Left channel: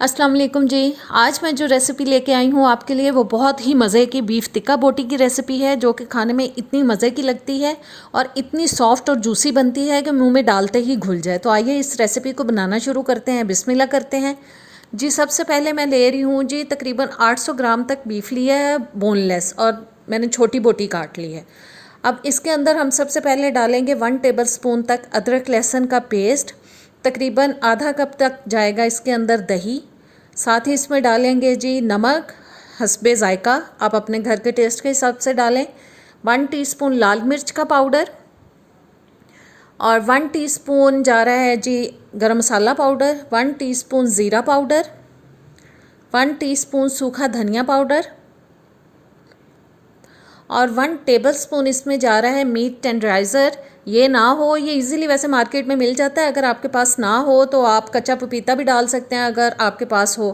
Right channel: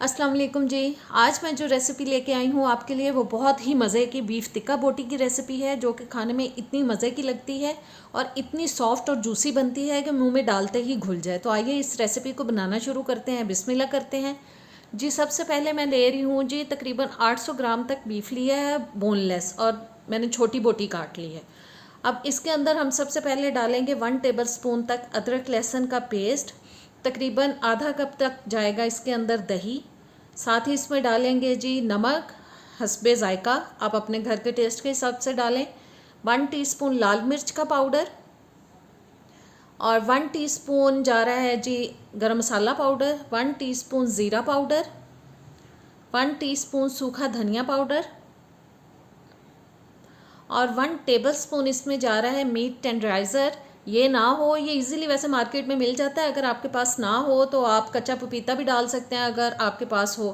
अस्सलाम वालेकुम जी। आज मैं जो रेसिपी लेके आई हूँ आपके लिए वो बहुत ही मज़े की बीफ टिक्का बोटी की रेसिपी है, जो कि खाने में इतनी मज़े की लगती है और इतनी सॉफ्ट और जूसी बनती है कि मुंह में डालते ही घुल जाए। तो आइए इस रेसिपी को बनाना शुरू करते हैं। बिस्मिल्लाह करते हैं जी। सबसे पहले मैं ले रही हूँ जी तकरीबन 800 ग्राम तक बीफ लिया है बोनलेस, और मैंने छोटी बोटी काट ली है। अब इसके अंदर हम सबसे पहले डालेंगे 1 टेबल स्पून तक अदरक लहसुन का पेस्ट। तकरीबन आधा कप तक जाएगा इसके अंदर दही। साथ ही इसमें डालेंगे जी नमक हस्बे ज़ायका, आप अपने घर के टेस्ट के हिसाब से डालें। 1 टीस्पून लाल मिर्च का पाउडर और 1 टीस्पून जा रहा है जी गरम मसाला पाउडर, 1 टीस्पून ज़ीरा पाउडर, 1 टीस्पून सूखा धनिया पाउडर और 1 टेबलस्पून इसमें जा रहा है मीट टेंडराइज़र। ये ना हो, ये इजीली वैसे मार्केट में मिल जाता है, अगर आपके पास ना हो तो आप कच्चा पपीता भी डाल सकते हैं अगर आपके पास हो।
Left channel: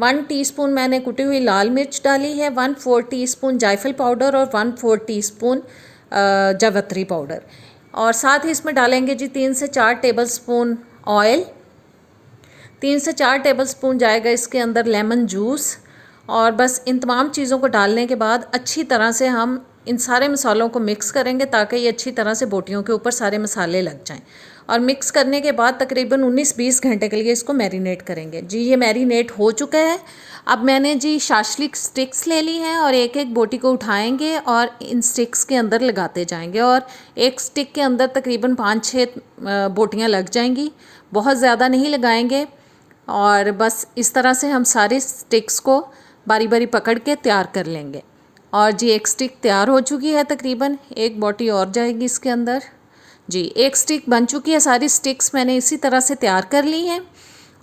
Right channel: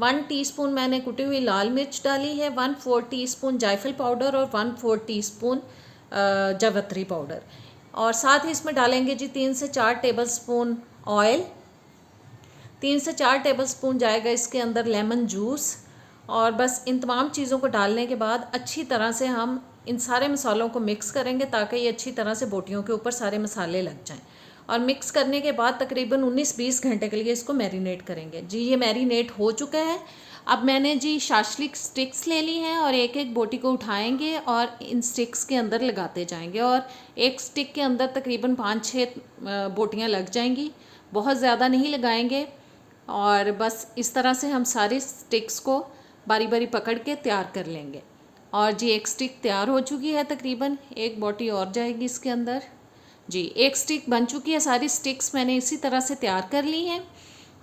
1 टीस्पून मैंने कुटी हुई लाल मिर्च डाली है, 1/4 टीस्पून जायफल पाउडर और 1/4 टीस्पून जावित्री पाउडर। और साथ ही इसमें डालेंगे जी 3 से 4 टेबलस्पून ऑयल। 3 से 4 टेबलस्पून जाएगा इसके अंदर लेमन जूस। और बस इन तमाम चीज़ों को डालने के बाद अच्छी तरह से हम इन सारे मसालों को मिक्स करेंगे ताकि ये अच्छी तरह से बोटियों के ऊपर सारे मसाले लग जाएं। और मिक्स करने के बाद तकरीबन 19-20 घंटे के लिए इसको मैरिनेट करेंगे जी। ये मैरिनेट हो चुका है। अब मैंने जी शाशलिक स्टिक्स ले ली हैं और एक एक बोटी को उठाएंगे और इन स्टिक्स के अंदर लगाते जाएंगे, और एक स्टिक के अंदर तकरीबन 5-6 बोटियाँ लग जाएंगी। बहुत ज़्यादा नहीं लगाएंगे। और बस इस तरह से हम सारे स्टिक्स को बारी बारी पकड़ के तैयार कर लेंगे। और जी एक स्टिक तैयार हो चुकी है, तकरीबन एक बोटी और जाएगी इसके अंदर जी। एक स्टिक बन चुकी है। सारी स्टिक्स मैंने इसी तरह से तैयार कर ली हैं।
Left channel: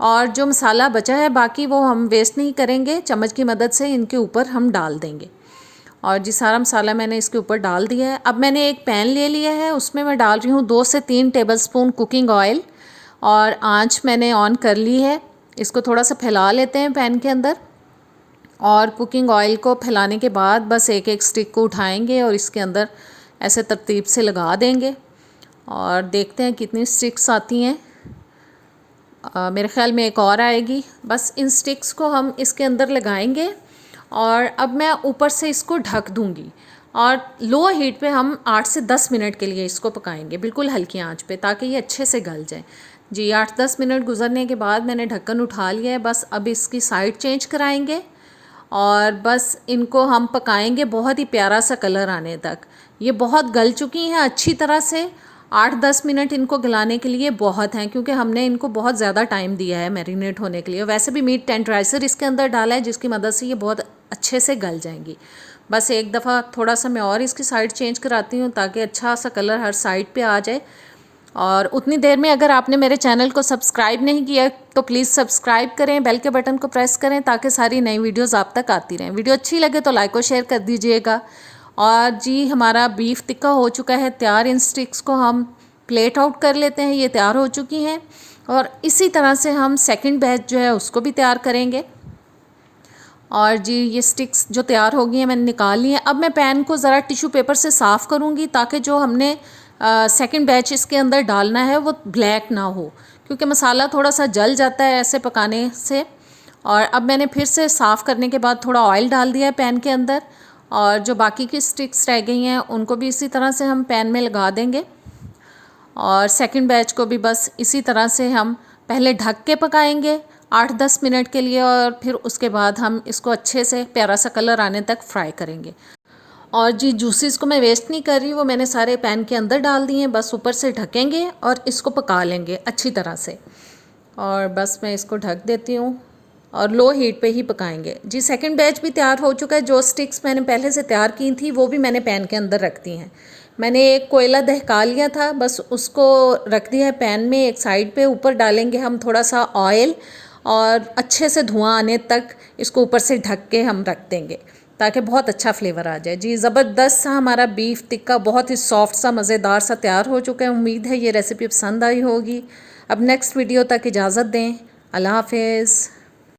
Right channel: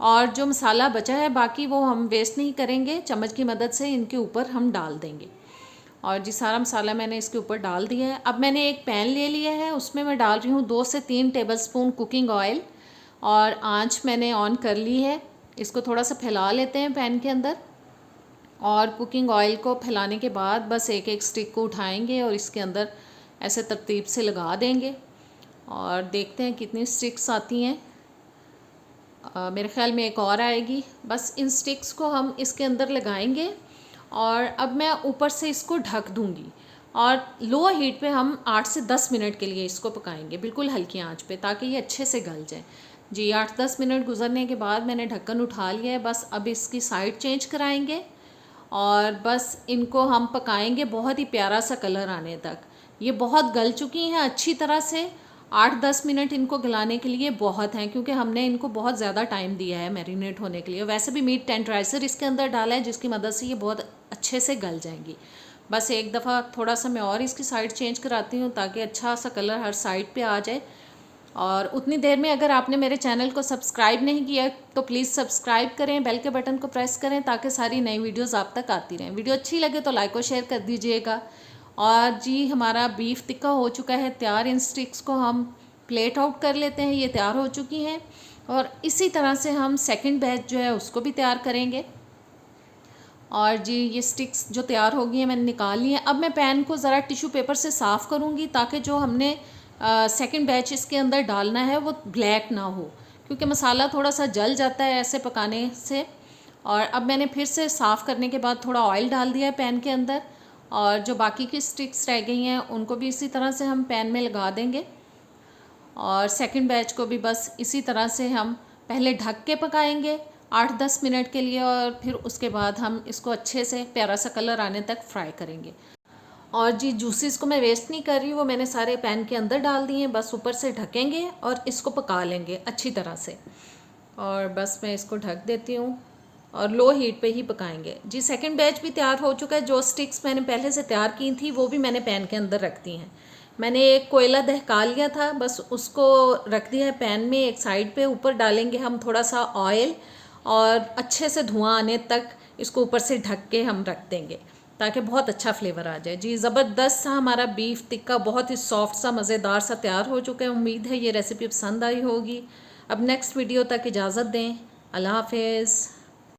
और जो मसाला बचा है बाकी वो हम वेस्ट नहीं करेंगे, चम्मच की मदद से इनके ऊपर हम डाल देंगे। और जी सारा मसाला मैंने इसके ऊपर डाल दिया है। अब मैंने एक पैन ले लिया है, उसमें मैं डाल रही हूँ 2 से 3 टेबलस्पून कुकिंग ऑयल, और आँच मैंने ऑन कर ली है। इसको थोड़ा सा फैला लेते हैं पैन के अंदर, और कुकिंग ऑयल को फैलाने के बाद बस एक एक स्टिक को उठाएंगे और इसके अंदर ऐसे तरतीब से लगा देंगे और देखते हैं कितनी स्टिक्स आती हैं। मेरे ख्याल में एक और आएगी। बस इन स्टिक्स को हम इसके अंदर लगाएंगे और अब मैं ऊपर से इसको ढक दूंगी और लो हीट पे हम 8 से 10 मिनट के लिए इसको पकाएंगे, बिल्कुल हल्की आंच पे, ताकि ये अच्छे से गल जाए जी। 8-10 मिनट गुजरने के बाद मैंने ढक्कन उठा लिया है। बस अब इसकी साइड चेंज कराएंगे और बस इनको हम पकाएंगे बहुत ही प्यारा सा कलर आने तक। ये बहुत गल चुकी हैं अच्छी तरह से। 8-10 मिनट इनको गलाने के लिए बहुत हैं, क्योंकि हमने इनको बहुत ज़्यादा टाइम दिया है मैरिनेट होने के लिए। वैसे भी मीट टेंडराइज़र इसके अंदर डाला है जिसकी मदद से ये बहुत अच्छे से गल जाएंगी। बस एक दफ़ा थोड़ा सा मैं और इसकी साइड चेंज कराती हूँ ताकि अच्छा सा कलर हर साइड पे आ जाए। और उतनी देर में अगर आपने मेरे चैनल को सब्सक्राइब नहीं किया तो प्लीज़ सब्सक्राइब करें, बेल के बटन को प्रेस करें ताकि सारी नई वीडियोस आप तक आती रहें। वीडियो अच्छी लगे तो लाइक और शेयर कर दीजिएगा। और जी हमारा बीफ टिक्का हो चुका है तैयार। इन स्टिक्स को हम प्लेट आउट कर लेते हैं, ये तैयार हो चुकी हैं। और इसी तरह से हम सेकंड बैच जो है उसको भी तैयार करेंगे। और जी ये स्टिक्स जो तैयार हो गई हैं मैंने निकाल ली हैं। अब मैं पैन को ज़रा टिश्यू पेपर से साफ़ करूँगी ताकि जो हमने सेकंड बैच इसके अंदर डालना है वो ब्लैक ना हो, क्योंकि मसाला थोड़ा सा जल जाता है ऐसे पकाने से। और अब मैंने फिर से साफ़ करने के बाद थोड़ा ऑयल डाल दिया है पैन के अंदर, और जो बाकी की स्टिक्स रह गई हैं उनको भी इसी तरह से हम पैन में लगा देंगे। और सेकंड बैच को भी बस इसी तरह से हम पहले ढक के पकाएंगे 8-10 मिनट के लिए, और फिर उसके बाद हम इसको अच्छे से प्यारा सा कलर आने तक फ्राई करेंगे। और जी जूसेस को मैं वेस्ट नहीं कर रही, वो मैंने सारे पैन के अंदर डाल दिए हैं। बस ऊपर से ढकेंगे और इसको पका लेंगे अच्छी तरह से। और बस मैं इसको ढक देती हूँ और लो हीट पे ही पकाएंगे जी। सेकंड बैच भी तैयार हो चुका है। जो स्टिक्स मैंने पहले से तैयार की थी वो भी मैंने पैन के अंदर रख दी हैं। मैंने एक कोयला दहका लिया था, बस उसको रख दिया है पैन में एक साइड पे। ऊपर डालेंगे हम थोड़ा सा ऑयल और अच्छे से धुआं आने तक इसको ऊपर से ढक के हम रख देंगे ताकि बहुत अच्छा फ्लेवर आ जाए जी। ज़बरदस्त सा हमारा बीफ टिक्का बहुत ही सॉफ्ट सा मज़ेदार सा तैयार हो चुका है। उम्मीद है ये रेसिपी पसंद आई होगी। अब नेक्स्ट वीडियो तक इजाज़त दें। अल्लाह हाफिज़।